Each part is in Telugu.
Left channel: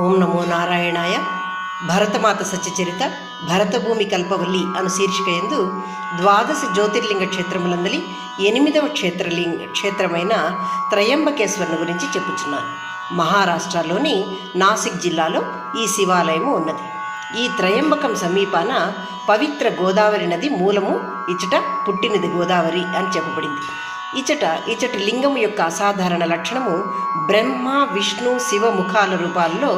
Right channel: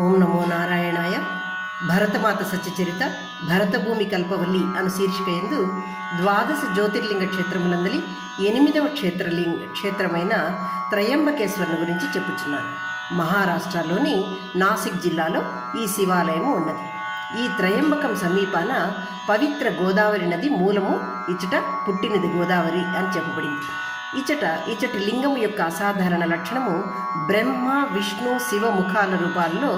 ఓం నమో నారాయణాయ. భరతమాత సత్యచరిత భరతభూమి కల్పవల్లి అను శీర్షిక యందు ద్వాదశ జ్యోతిర్లింగ క్షేత్రములందలి 8వ క్షేత్రమైన త్రయంబకేశ్వరుని గురించి చెప్పుచున్నాను. మహారాష్ట్రలోని నాసిక్ జిల్లాలో ఈ శివాలయము ఉన్నది. ఈ త్రయంబకం సమీపాన పవిత్ర గోదావరి నది మూలము ఇచ్చట పుట్టినది గోదావరి అని చెప్పబడింది. ఇచ్చటి లింగము యొక్క అసాధారణ లక్షణము బ్రహ్మ విష్ణు శివ ముఖాల రూపాల్లో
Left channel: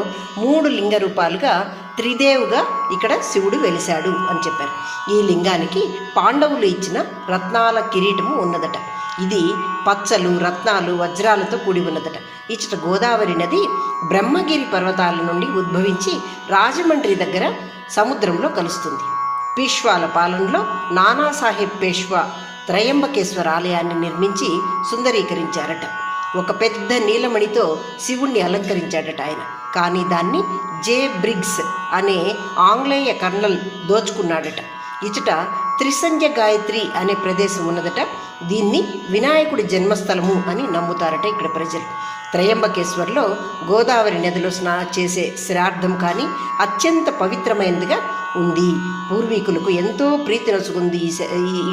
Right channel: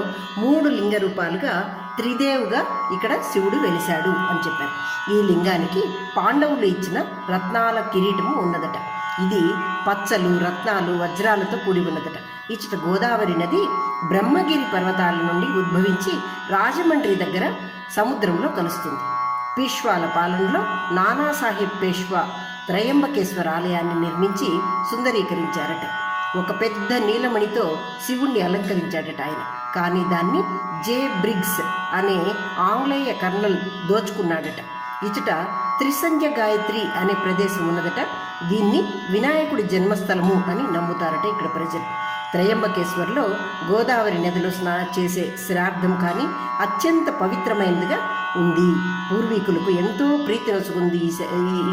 3 లింగ రూపాలుగా త్రిదేవుగా ఇక్కడ శివుడు వెలిశాడు అని చెప్పారు. ఈ లింగానికి పాండవులు ఇచ్చిన రత్నాల కిరీటము ఉన్నదట. ఇది పచ్చలు రత్నాలు వజ్రాలతో కూడి ఉన్నదట. ఇచ్చట గోదావరి నది బ్రహ్మగిరి పర్వతాల నుండి ఉద్భవించి రాజమండ్రి దగ్గర సముద్రంలో కలుస్తుంది. పీష్వాల పాలనలో నానాసాహెబ్ పేష్వా త్రయంబకేశ్వర ఆలయాన్ని నిర్మించి సుందరీకరించారట. ఒక పెద్ద నీలమణితో శివుణ్ణి అలంకరించాడట ఆయన. కానీ దాన్ని జే బ్రిగ్స్ అనే ఆంగ్లేయ కర్నల్ దోచుకున్నాడట. ఇచ్చట త్రిసంధ్య గాయత్రి అనే ప్రదేశం ఉన్నదట. దీన్ని వినాయకుడి జన్మస్థలము అని నమ్ముతారట ఇక్కడ ప్రజలు. త్రయంబకేశ్వర్లో గోదావరి నదిలో చేసే శ్రాద్ధం కానీ అత్యంత పవిత్రమైనదిగా ఉంది. పూర్వీకులకు ఎంతో ప్రీతి నొసుకుంది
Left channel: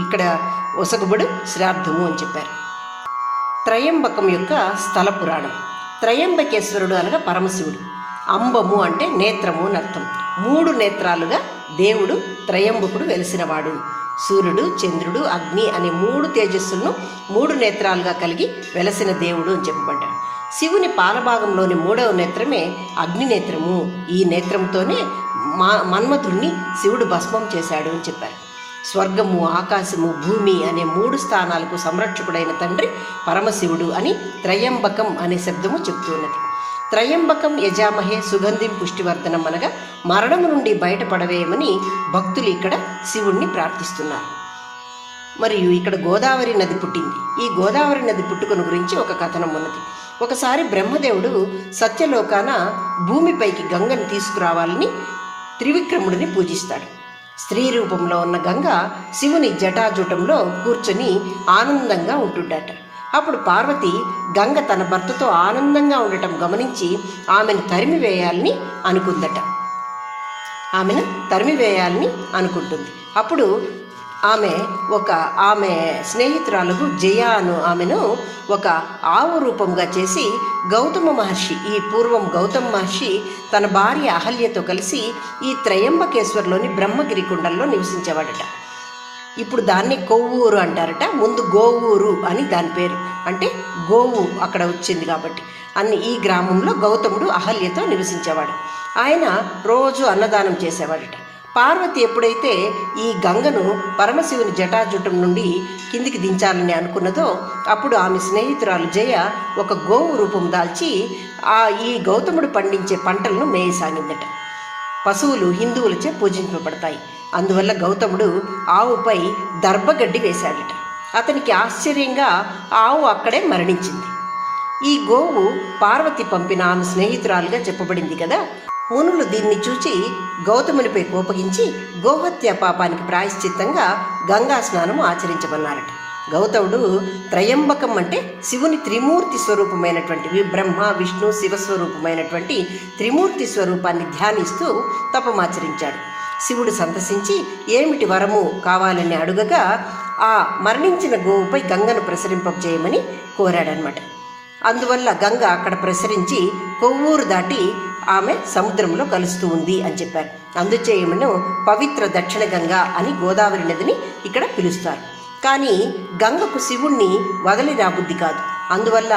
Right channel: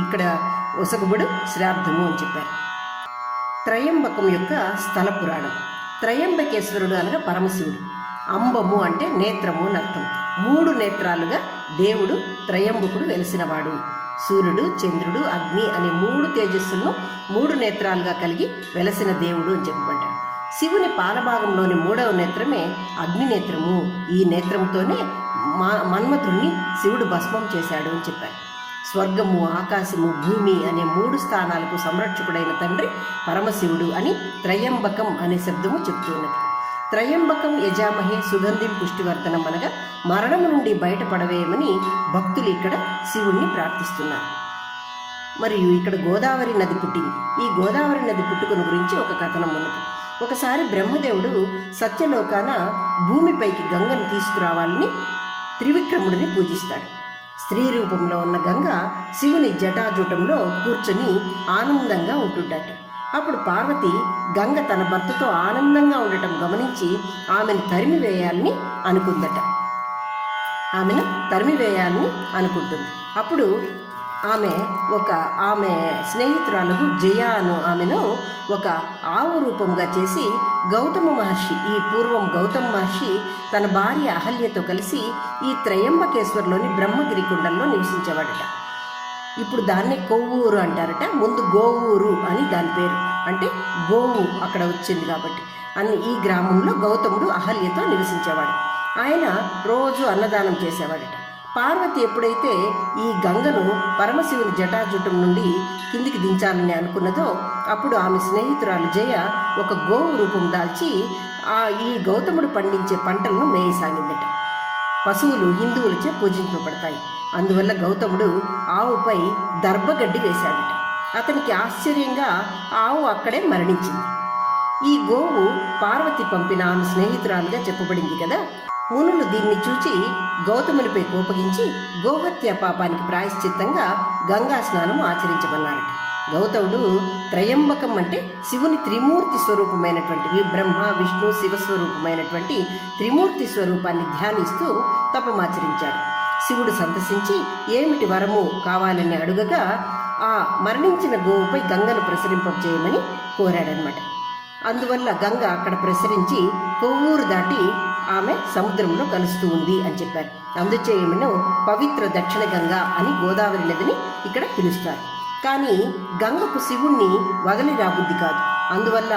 ఇక్కడ ఒసగుబడు శ్రాద్ధము అని చెప్పారు. త్రయంబకం యొక్క స్థల పురాణం. త్రయంబకేశ్వరుడు అనగా పరమశివుడు. అంబము అంటే నేత్రము అని అర్థం. 3 నేత్రాలుగా దేవుడు త్రయంబకుడు వెలిసినవాడు. సూర్యుడు చంద్రుడు అగ్ని అనే 3 తేజస్సులను 3 నేత్రాలుగా కలిగి వెలసిన దేవుడు అని చెప్పబడ్డాడు. శివుని పాలభాగంలోని 3వ నేత్రమే అగ్నినేత్రము. ఈ నేత్రంతోనే మన్మధుణ్ణి శివుడు భస్మం చేశాడు అని చెప్పారు. స్వర్గము ఆకాశము భూమి అనే 3 స్థానాలకు సంరక్షకుడైన తండ్రి పరమశివుడు అని త్రయంబకం అనే శబ్దము చెప్తున్నది. త్రయంబకం యజామహే సుగంధిం పుష్టివర్ధనం అనగా మరణం నుండి బయటపడవేయమని భక్తులు ఇక్కడ శివుణ్ణి ప్రార్థిస్తున్నారు. మరియు ఇక్కడ గోదావరి నది పుట్టింది. ఈ గోదావరి నది పుట్టుకను గురించి ఒక కథనం ఉన్నది. ఒకసారి బ్రహ్మదేవుడు సత్యలోకాన భూమిపైకి గంగని తీసుకురావాలని త్రివిక్రముడిని పూజిస్తాడు. స్త్రీ రూపంలో ఉన్న గంగ శివుని జటాజూటంలో కూర్చొని ఆనందంగా ఉంటుందట. అప్పుడు పార్వతి గంగ తన భర్తతో ఆనందంగా ఉండటం గమనించి ఆమెను తరిమివేయాలని అనుకుంటుంది. అప్పుడు ఆమె స్నేహితురాలకు జయ అను ఆమెను ఒక ఆవు రూపంగా చేసి గౌతమ మహర్షి గౌతమ మహర్షి తన భార్య అహల్యతో కలిసి ఈ త్రయంబకేశ్వర్లోని బ్రహ్మగిరి కుండంలో నివసించేవాడట. ఇప్పుడు దాన్ని కొవ్వూరు అంటారట. ముందు గోవూరు అని దాని పేరు. అంటే గోవు అక్కడ వచ్చింది కాబట్టి ఈ గ్రామంలో గౌతముడు అహల్యతో నివసించేవాడు. ఆయన రోజు అన్నదానం చేసేవాడట. పార్వతి ఎప్పుడైతే ఈ గంగను పరమశివుని జటాజుటం నుండి కిందికి దించాలని అనుకున్నదో అప్పుడు ఆమె స్నేహితురాలు జయ ఒక గోవు రూపం దాల్చి ఈ గౌతముడు పండించే పంటలను మేయసాగిందట. పశువులు హిందువులచే పూజింపబడతాయి. అందువల్ల గౌతముడు ఆవుపై దర్భగడ్డి వేశాడట. అతనికి ఆశ్చర్యంగా ఆవు అక్కడే మరణించింది. ఈ గోవు పార్వతి పంపిన ఆమె స్నేహితురాలుగా చెప్పబడింది కదా. మునులు దీన్ని చూచి గౌతమునిపై కోపగించి గోహత్య పాపానికి ప్రాయశ్చిత్తంగా గంగా స్నానము ఆచరించమన్నారట. గౌతముడు త్రయంబకం అంటే శివుని త్రిమూర్తి స్వరూపమైనటువంటి బ్రహ్మ విష్ణు శివస్వరూపమైనటువంటి త్రిమూర్తి స్వరూపాన్ని ధ్యానిస్తూ తపమాచరించాడు. శివుడు సంతసించి ఏమిటి వరము కావాలని అడుగగా ఆ మరణించిన గోవుపై గంగను ప్రసరింపజేయమని కోరాడనమాట. అందువల్ల గంగ అక్కడ ప్రసరించి కొవ్వూరు దాటి ఆమె సముద్రంలో కలుస్తూ ఉంది అని చెప్పారు. అందుచేయమను పవిత్ర దక్షిణ గంగా అని గోదావరి నదిని ఇక్కడ పిలుస్తారు. కానీ గంగకు శివుణ్ణి వదిలి రాబుద్ధి కాదు. అందువల్ల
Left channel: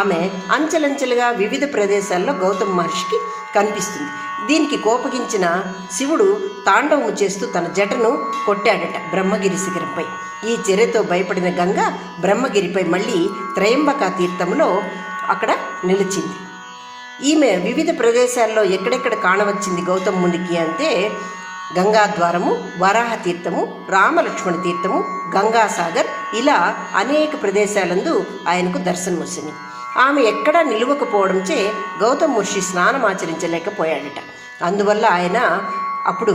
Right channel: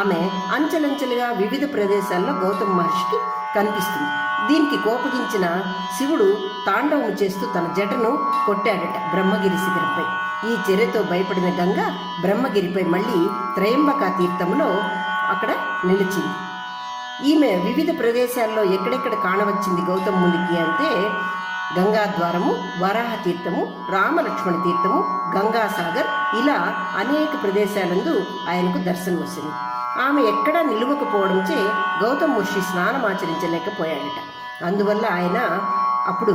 ఆమె అంచెలంచెలుగా వివిధ ప్రదేశాల్లో గౌతమ మహర్షికి కనిపిస్తుంది. దీనికి కోపగించిన శివుడు తాండవము చేస్తూ తన జటను కొట్టాడట బ్రహ్మగిరి శిఖరంపై. ఈ చర్యతో భయపడిన గంగ బ్రహ్మగిరిపై మళ్ళీ త్రయంబక తీర్థంలో అక్కడ నిలిచింది. ఈమె వివిధ ప్రదేశాల్లో ఎక్కడెక్కడ కాణవచ్చింది గౌతమునికి అంటే గంగాద్వారము, వరాహ తీర్థము, రామలక్ష్మణ తీర్థము, గంగాసాగర్ ఇలా అనేక ప్రదేశాలందు ఆయనకు దర్శనం వచ్చింది. ఆమె ఎక్కడా నిలువకపోవడంచే గౌతమ మహర్షి స్నానం ఆచరించలేకపోయాడట. అందువల్ల ఆయన అప్పుడు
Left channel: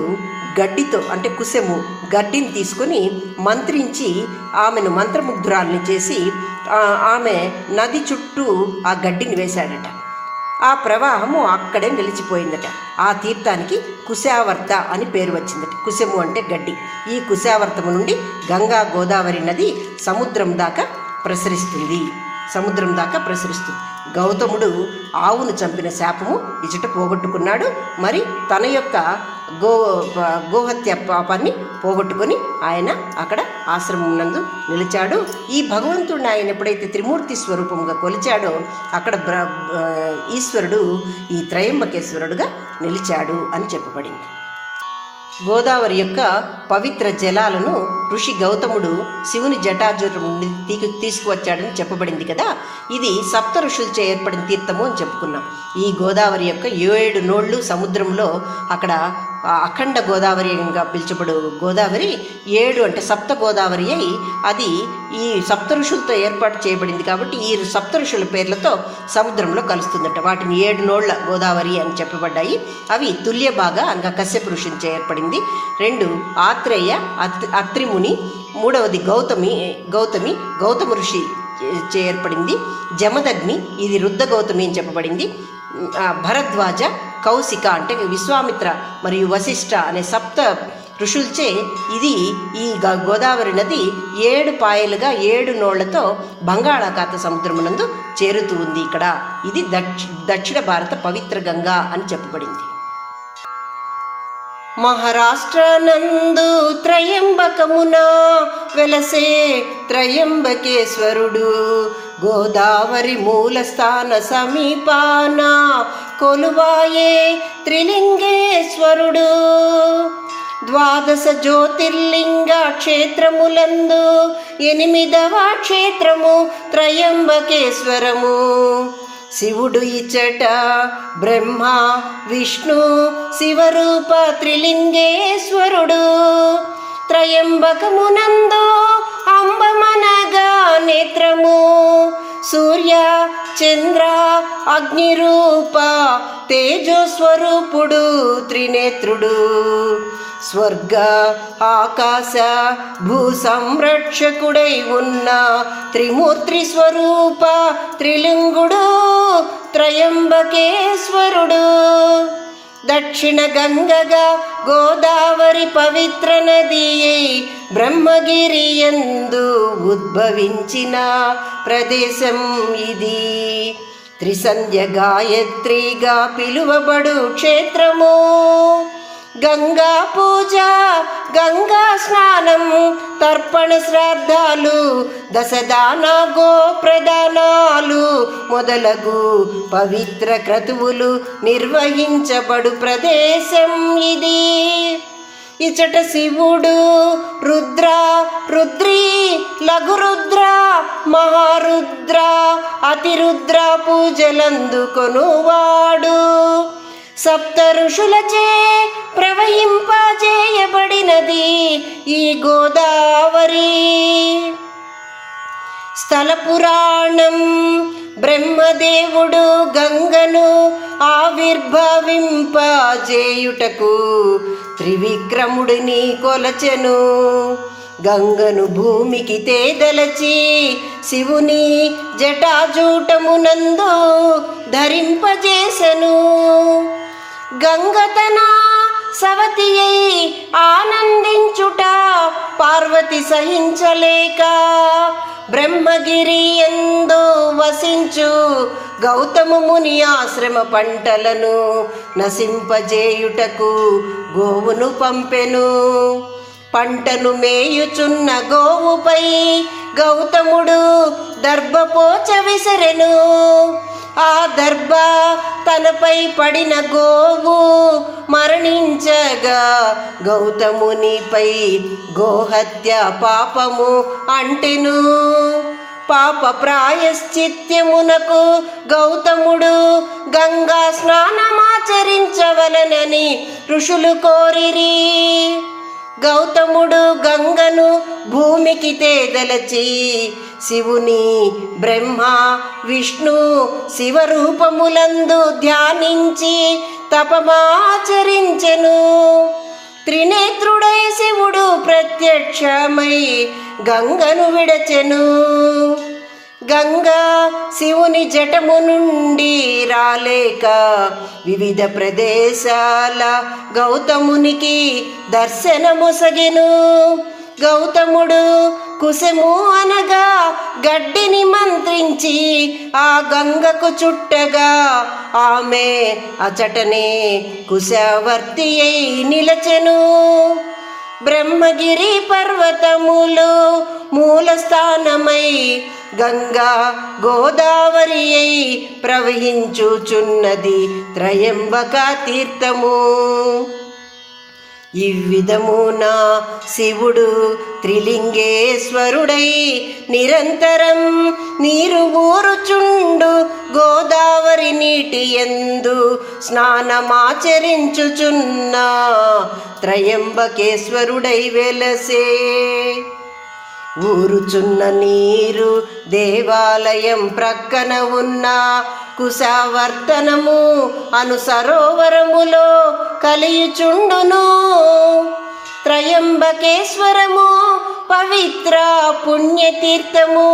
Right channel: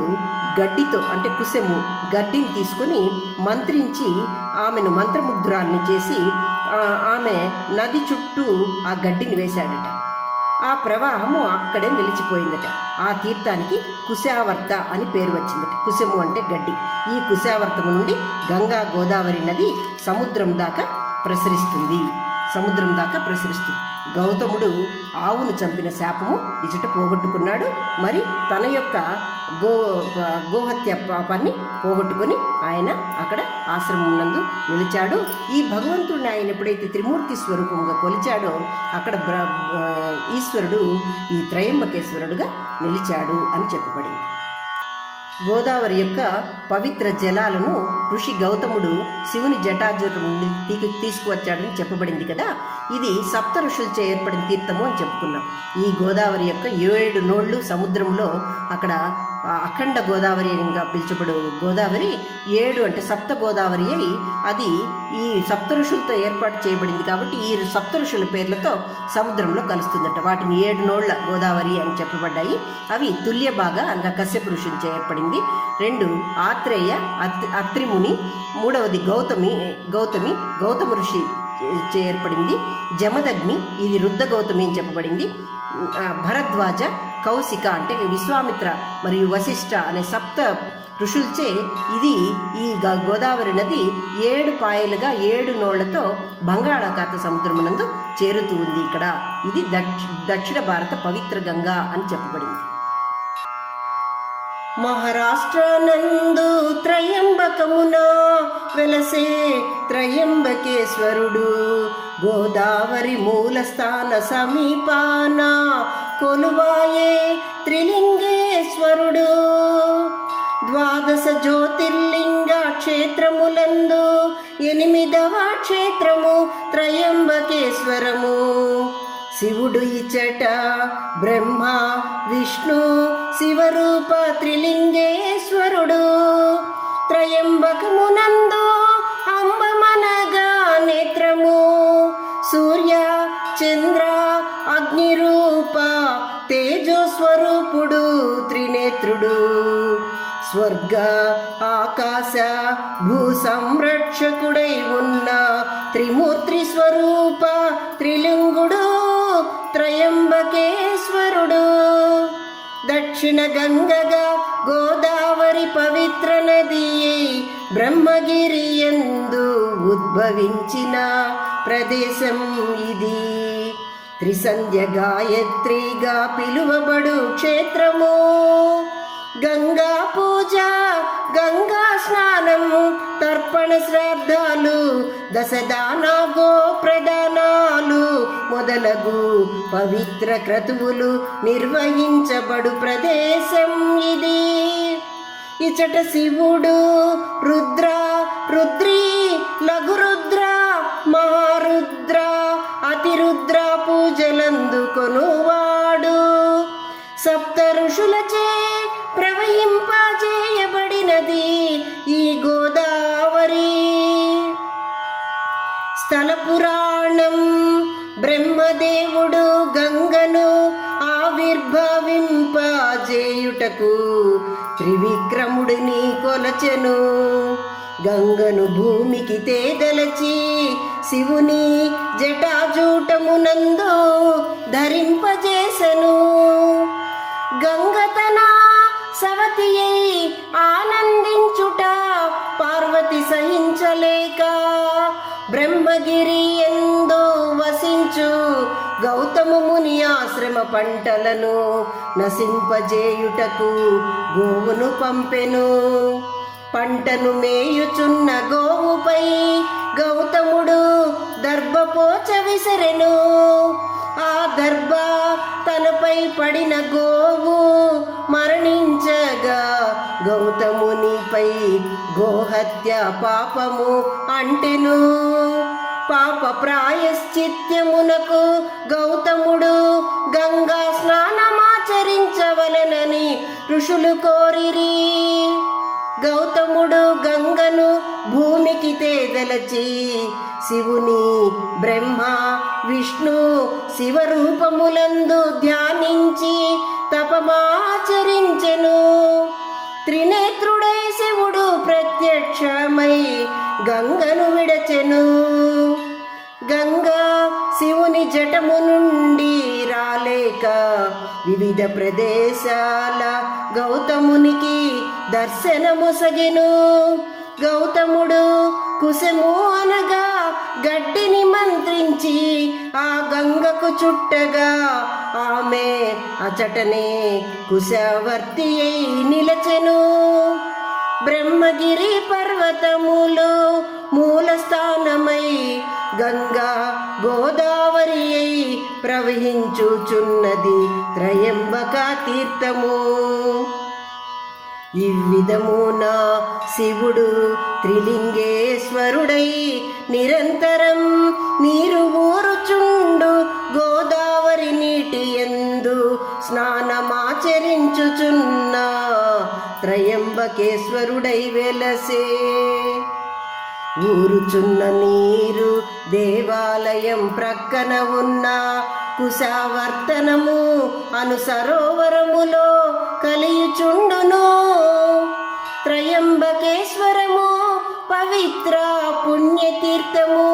గడ్డితో అంటే కుశము గడ్డిని తీసుకొని మంత్రించి ఆమెను మంత్రముగ్ధురాల్ని చేసి ఆమె నది చుట్టూ ఆ గడ్డిని వేశాడట. ఆ ప్రవాహము అక్కడే నిలిచిపోయిందట. ఆ తీర్థానికి కుశావర్త అని పేరు వచ్చిందట. కుశము అంటే గడ్డి. ఈ కుశావర్తము నుండి గంగా గోదావరి నది సముద్రం దాకా ప్రసరిస్తుంది. గౌతముడు ఆవును చంపిన శాపము ఇచట పోగొట్టుకున్నాడు. మరి తన యొక్క గోహత్య పాపాన్ని పోగొట్టుకొని ఆయన అక్కడ ఆశ్రమం నందు నిలిచాడు. ఈ భగవంతుడిని ఆయన ఎప్పుడైతే త్రిమూర్తి స్వరూపంగా కొలిచాడో అక్కడ ఈశ్వరుడు ఈ త్రయంబకేశ్వరుడుగా నిలిచాడు అని చెప్పబడింది. గోదావరి యొక్క పవిత్ర జలాలను ఋషి గౌతముడు శివుని జటాజూటం నుండి తీసుకువచ్చాడని చెప్పబడింది కదా. ఇది సప్త ఋషులచే ఏర్పడిన తీర్థము అని చెప్పుకున్నాం. ఈ గోదావరి యొక్క 7 నోళ్ళు సముద్రంలో అక్కడ అఖండ గోదావరిగా పిలుచబడు గోదావరి 7 అంటే సప్త గోదావరి అయి అది ఈ సప్త ఋషులతో ఏర్పాటు చేయబడింది. కాబట్టి ఈ సప్త ఋషుల పేర్లతో సముద్రంలో కలుస్తుందట. వాటిని 7 నోళ్ల గోదావరి అని చెప్పబడ్డాయి. అవి తుల్యభాగ అనగా కశ్యప ఋషినిచే ఏర్పడింది. 2 ఆత్రేయ అత్రిముని, 3వది గౌతమ ఋషి చే ఏర్పడింది. జమదగ్ని ఇది రుద్ర గౌతమి అని చెప్పబడింది. భరద్వాజ, కౌశిక అంటే విశ్వామిత్ర మరియు వశిష్ఠ అనే సప్త ఋషులచే ఇది ఈ గోదావరి నది 7 పాయలుగా 7 నోళ్లతో బంగాళాఖాత సముద్రమునందు చేరుతూ ఉంది. ఇక్కడ ఇది దక్షిణ భారత పవిత్ర గంగా అని చెప్పబడింది. మహారాష్ట్ర నందు త్రయంబకమున వెలసే త్రయంబకేశ్వరుడు గోదావరి మూలస్థాన సమీపాన కొలువాయే త్రిలింగేశ్వరుడు. 12 జ్యోతిర్లింగ క్షేత్రములందు 8వ క్షేత్రము త్రయంబకేశ్వరము. శివుడు ఇచ్చట బ్రహ్మ విష్ణు శివరూప త్రిలింగేశ్వరుడు. త్రయంబకమునందు అంబమనగా నేత్రము సూర్య చంద్ర అగ్నిరూప తేజోస్వరూపుడు త్రినేత్రుడు. స్వర్గ ఆకాశ భూ సంరక్షకుడై ఉన్న త్రిమూర్తి స్వరూప త్రిలింగుడు త్రయంబకేశ్వరుడు. దక్షిణ గంగగా గోదావరి పవిత్ర నది బ్రహ్మగిరి యందు ఉద్భవించిన ప్రదేశం ఇది. త్రిసంధ్య గాయత్రిగా పిలువబడు క్షేత్రము. గంగా పూజ, గంగా స్నానం, తర్పణ శ్రాద్ధాలు, దశదాన గో ప్రదానాలు మొదలగు పవిత్ర క్రతువులు నిర్వహించబడు ప్రదేశం ఇది. ఇచట శివుడు రుద్ర, రుద్రి, లఘురుద్ర, మహారుద్ర, అతిరుద్ర పూజలందుకొనువాడు. సప్త ఋషులచే ప్రవహింపజేయబడినది ఈ గోదావరి. స్థల పురాణం. బ్రహ్మదేవుడు గంగను ఆవిర్భవింపజేయుటకు త్రివిక్రముడిని కొలచెను. గంగను భూమికి తేదలచి శివుని జటాజూటమునందు ధరింపజేసెను. గంగతన సవతి అయి ఆనందించుట పార్వతి సహించలేక బ్రహ్మగిరి యందు వసించు గౌతమ ముని ఆశ్రమ పంటలను నశింపజేయుటకు గోవును పంపెను. పంటను మేయుచున్న గోవుపై గౌతముడు దర్భపోచ విసరెను. ఆ దర్భ తనపై పడిన గోవు మరణించగా గౌతమునిపై గోహత్య పాపము అంటెను. పాప ప్రాయశ్చిత్యమునకు గౌతముడు గంగా స్నానమాచరించవలనని ఋషులు కోరిరి. గౌతముడు గంగను భూమికి తేదలచి శివుని, బ్రహ్మ, విష్ణు, శివరూపములందు ధ్యానించి తపమాచరించెను. త్రినేత్రుడై శివుడు ప్రత్యక్షమై గంగను విడచెను. గంగా శివుని జటము నుండి రాలేక వివిధ ప్రదేశాల గౌతమునికి దర్శనమొసగెను. గౌతముడు కుశము అనగా గడ్డిని మంత్రించి ఆ గంగకు చుట్టగా ఆమె అచటనే కుశావర్తి అయి నిలచెను. బ్రహ్మగిరి పర్వతములు మూలస్థానమై గంగా గోదావరి అయి ప్రవహించుచున్నది త్రయంబక తీర్థము. ఇవ్విధమున శివుడు త్రిలింగేశ్వరుడై నిరంతరం నీరు ఊరుచుండు గోదావరి నీటి యందు స్నానమాచరించుచున్న త్రయంబకేశ్వరుడై వెలసే. ఊరుచున్న నీరు దేవాలయం ప్రక్కన ఉన్న కుశావర్తనము అను సరోవరములో కలియుచుండును. త్రయంబకేశ్వరము పవిత్ర పుణ్యతీర్థము.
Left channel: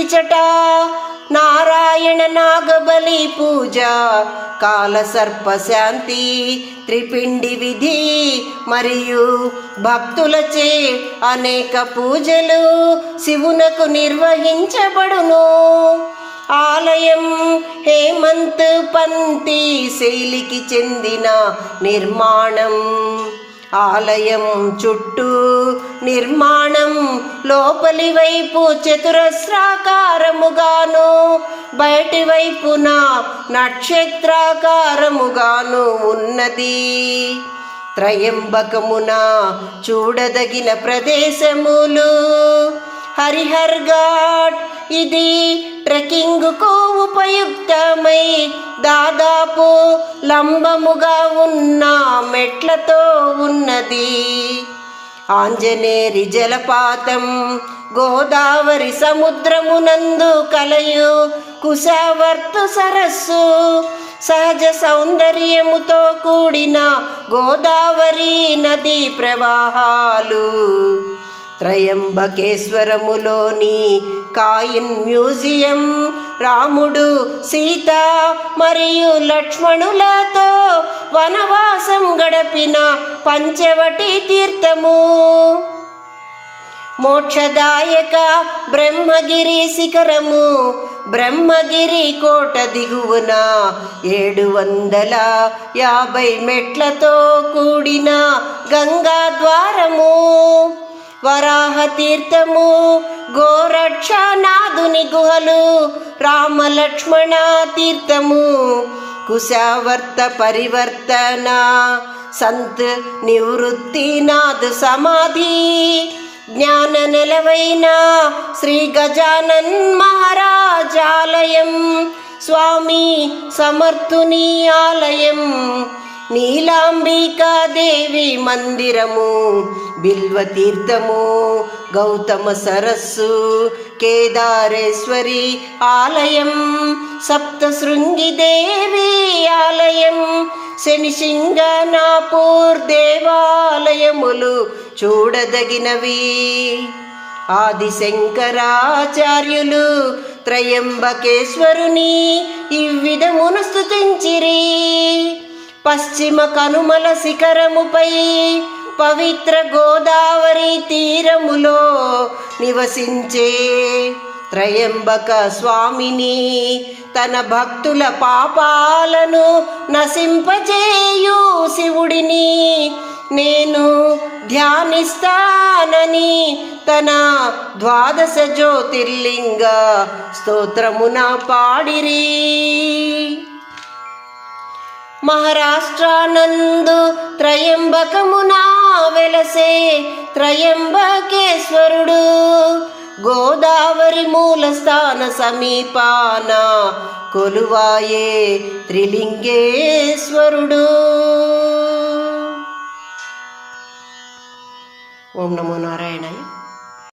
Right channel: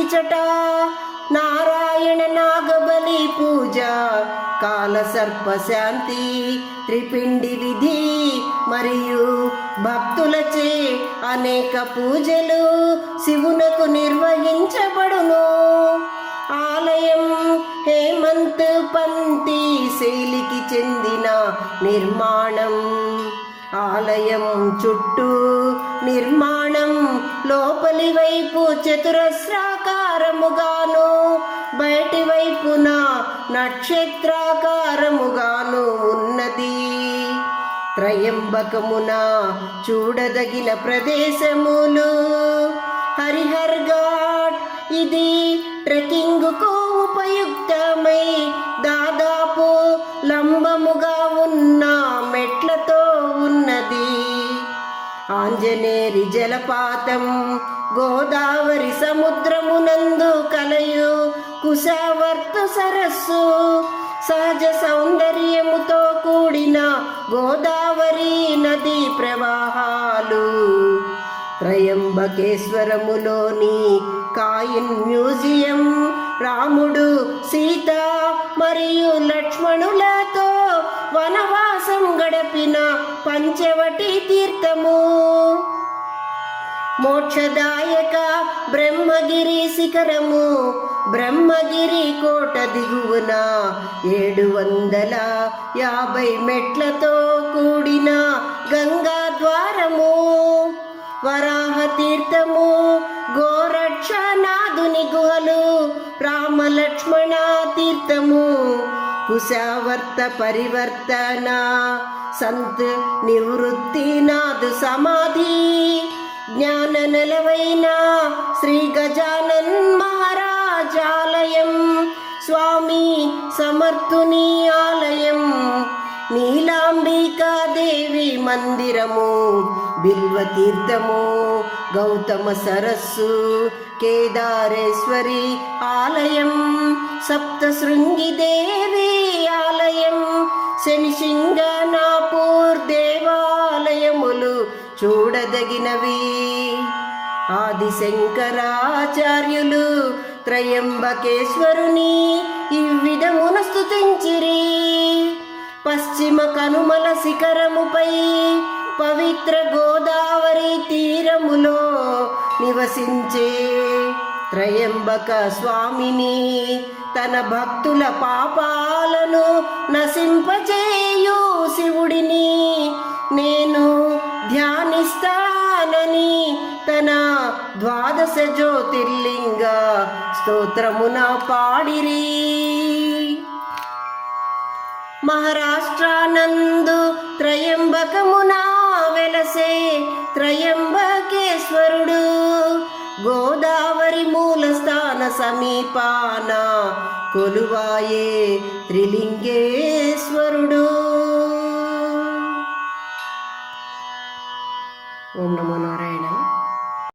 ఇచట నారాయణ నాగబలి పూజ, కాలసర్పశాంతి, త్రిపిండి విధి మరియు భక్తులచే అనేక పూజలు శివునకు నిర్వహించబడును. ఆలయం హేమంత్ పంతి శైలికి చెందిన నిర్మాణం. ఆలయం చుట్టూ నిర్మాణం లోపలి వైపు చతురస్రాకారముగాను బయటి వైపున నక్షత్రాకారముగాను ఉన్నది. త్రయంబకమున చూడదగిన ప్రదేశములు: హరిహర్ ఘాట్, ఇది ట్రెక్కింగ్కు ఉపయుక్తమై దాదాపు లంబముగా ఉన్న మెట్లతో ఉన్నది. ఆంజనేరి జలపాతం, గోదావరి సముద్రమునందు కలయు కుశావర్తు సరస్సు, సహజ సౌందర్యముతో కూడిన గోదావరి నదీ ప్రవాహాలు. త్రయంబకేశ్వరములోని కాయిన్ మ్యూజియం రాముడు, సీత మరియు లక్ష్మణులతో వనవాసం గడిపిన పంచవటి తీర్థము. మోక్షదాయక బ్రహ్మగిరి శిఖరము, బ్రహ్మగిరి కోట దిగువన 750 మెట్లతో కూడిన గంగా ద్వారము. వరాహ తీర్థము, గోరక్షనాథుని గుహలు, రామలక్ష్మణ తీర్థము, కుశావర్త పరివర్తన, సంత్ నివృత్తినాథ్ సమాధి, జ్ఞాన నెలవైన శ్రీ గజానన్ మహారాజ్ ఆలయం, స్వామి సమర్థుని ఆలయం, నీలాంబికాదేవి మందిరము, బిల్వతీర్థము, గౌతమ సరస్సు, కేదారేశ్వరి ఆలయం, సప్తశృంగిదేవి ఆలయం, శనిసింగనాపూర్ దేవాలయములు చూడదగినవి. ఆదిశంకరాచార్యులు త్రయంబకేశ్వరుని ఇవ్విధమున స్తుతించిరి. పశ్చిమ కనుమల శిఖరముపై పవిత్ర గోదావరి తీరములో నివసించే త్రయంబక స్వామిని, తన భక్తుల పాపాలను నశింపజేయు శివుడిని నేను ధ్యానిస్తానని తన 12 జ్యోతిర్లింగ స్తోత్రమున పాడిరి. మహారాష్ట్రానందు త్రయంబకమున వెలసే త్రయంబకేశ్వరుడు, గోదావరి మూలస్థాన సమీపాన కొలువాయే త్రిలింగేశ్వరుడు. ఓం నమో నారాయణ.